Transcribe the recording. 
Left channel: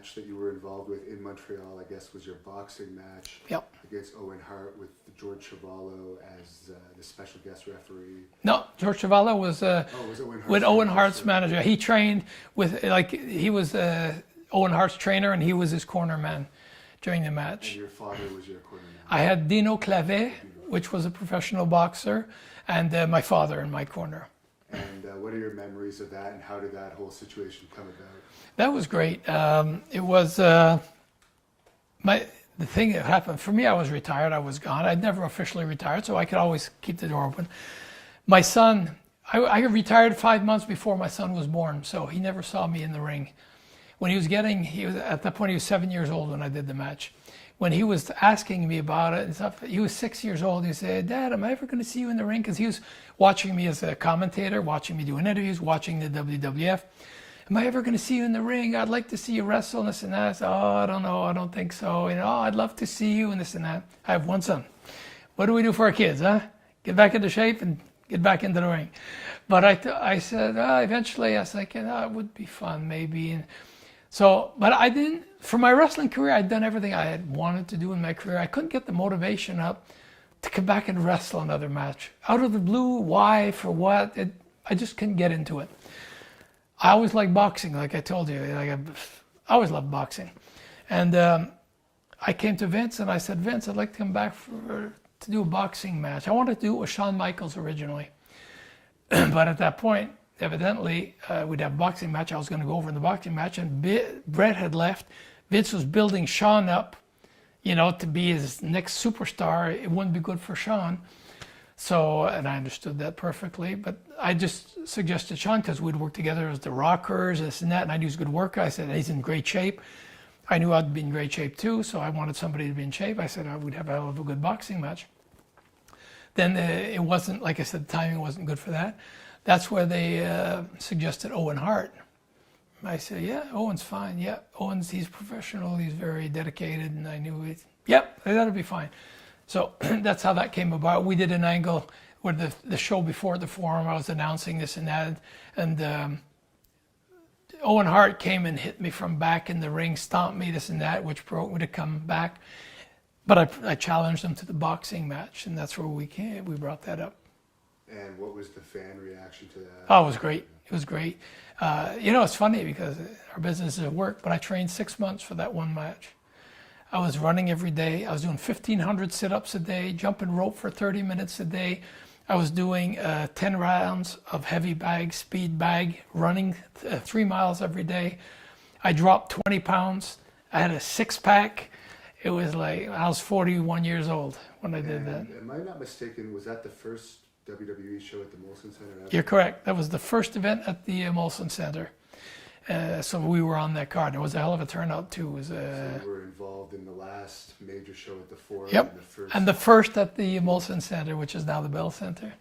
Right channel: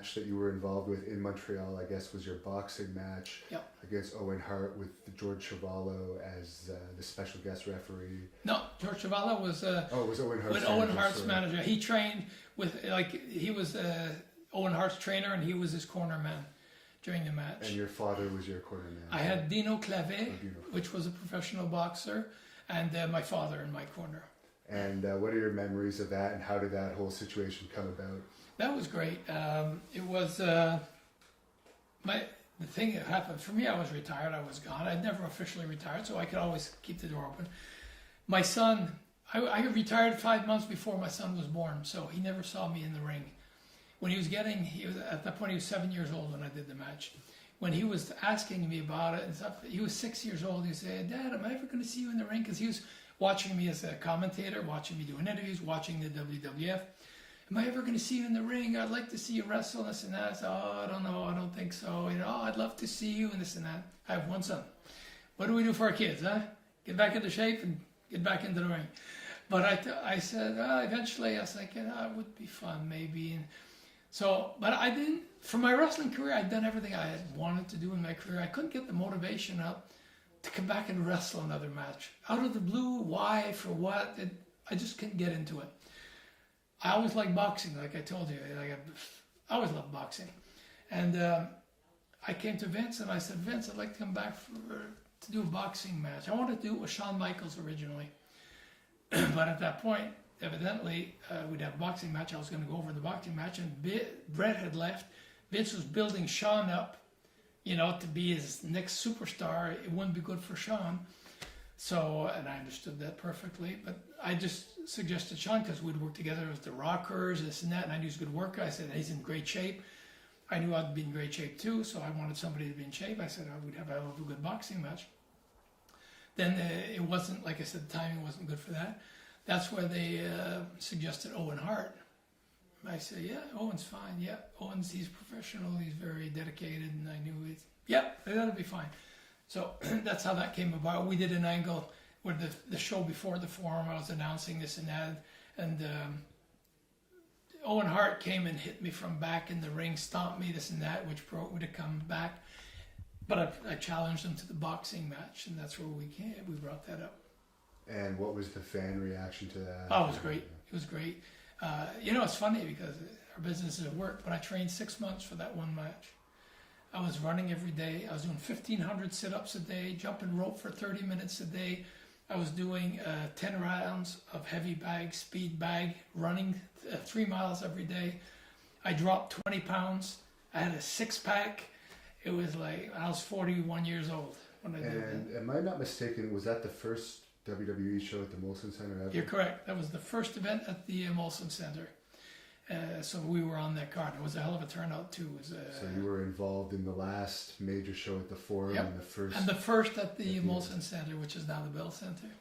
match that you were involved with in Montreal, I guess, was your boxing match against Owen Hart with George Chuvalo as the special guest referee. No, George Chuvalo was, was Owen Hart's with Owen Hart's manager. He trained with, he was Owen Hart's trainer, and he was his corner man during the match. And your father was your corner man. I had Dino Clavet, which was a professional boxer, and my father in my corner. And what are your memories of that, and how did that whole situation come about? That was great. It was the thing that happened for me. I was retired. I was gone. I'd never officially retired, so I could always keep the door open. My son, I retired 5 months before my son was born, so he never saw me in the ring. When he was at that point he was 7 years old when I did the match. When he was asking me about it and stuff, he was 6 years old. He said, "Dad, am I ever going to see you in the ring?" Because he was watching me as a commentator, watching me doing interviews, watching the WWF. "Am I ever going to see you in the ring? I'd like to see you wrestle," and this and that. I said, "Oh, I don't know. I don't think so. Oh, I'd love to see you," and this and that. I have one son. What do we do for our kids, huh? Get back into shape and get back into the ring. But I said, eventually, I was like, it would be fun, maybe. And so, but I didn't, for my wrestling career, I'd done everything I had wanted to do in my career. I couldn't get the motivation up to come back and wrestle another match. Out of the blue, why, for what? I just couldn't get into it. I always liked boxing, like I told you. I always loved boxing. And I came to Vince and I said, "Vince, I'd like to come back to do a boxing match." I wanted to do it with Shawn Michaels originally. But at that point, evidently, we'd have a boxing match. I was going to go over in the boxing match, and Brett had left. Vince was building Shawn up, to be his next superstar. It wouldn't be good for Shawn. So, and I understood that perfectly, but I just suggested Shawn because we'd worked together as the Rockers, this and that, and I knew he was a good worker. I said, he's in great shape. I knew I'd be in great shape too, so I wanted somebody to be in shape. I said I would have a good boxing match. Then it wasn't, like I said, the timing wasn't good for that. That's where they suggested Owen Hart. I said, "Yeah, Owen's fine. Yeah, he's professional. He's very dedicated." And I knew, that'll be fine. So that's how that came about. We did an angle where the show before the Forum, I was announcing this and that. And Owen Hart came and hit me from back in the ring, stomped me, this and that, which broke would have come back. But I challenged him to the boxing match, and that's where we brought that up. And what was the fan reaction to that? Oh, it was great. It was great. It's funny because our business is at work, but I trained 6 months for that one match. I was running every day. I was doing 1,500 sit-ups a day, jumping rope for 30 minutes a day. I was doing 10 rounds of heavy bag, speed bag, running 3 miles every day. I dropped 20 pounds. I had a six-pack. It was like, I was 41 years old when I did that. Am I not mistaken, was that the first WWE show at the Molson Center? You're correct. That was the first event at the Molson Center. So we were on that card. It was a hell of a turnout too. So you were involved in the last major show at the Forum. Yep. And the first at the Molson Center, which is now the Bell Center.